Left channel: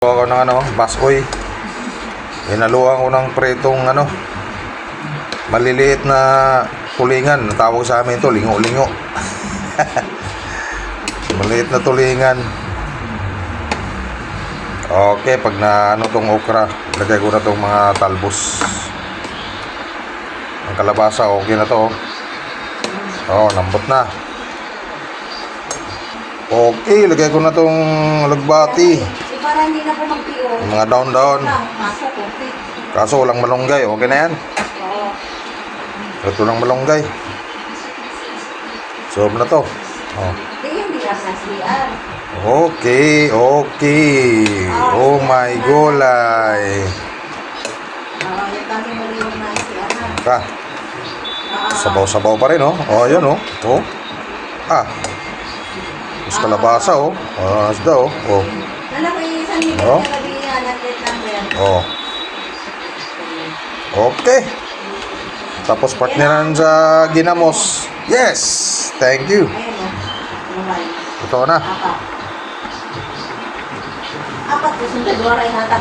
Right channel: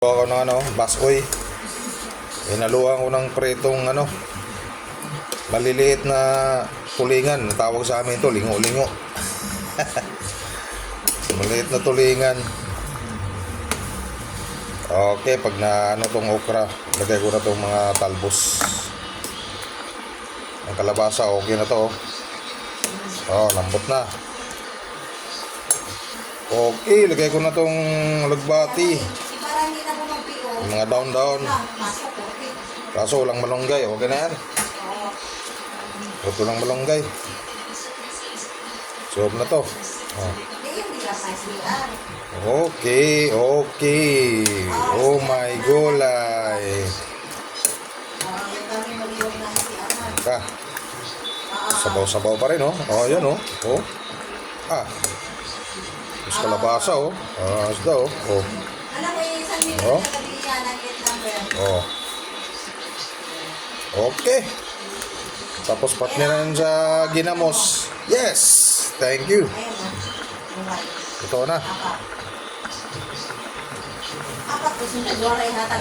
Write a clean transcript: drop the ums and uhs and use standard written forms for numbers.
Ako ng baskoy. Hinaluan ko ng pretong maliliit na tulingan. Tawag sa amin ito, lingo-lingo. Maliit na tulingan. Okay, pag na tong okra, lagay ko na tong mga talbos. Ang kalabasa, okay na to. Lambot na. Okay, lagay ko na tong lagbati. Para hindi na po mag-PO. Mga down-down. Kaso walang malunggay. Okay na yan. Oo. Ito lang malunggay. Sob na to. Hindi lang nasiyan. Okay. Oh my gulay. Yung dami maliwag na isiyan. Sabaw-sabaw pa rin, yun, Mas kalabasa, Asda, Alam mo, yung isang million na gabi yan, atlet number. Okay. Tapos partneran sa ginamos. Yes! Thank you. Ayun, Ito na. Apat po, sunod, wala inatag.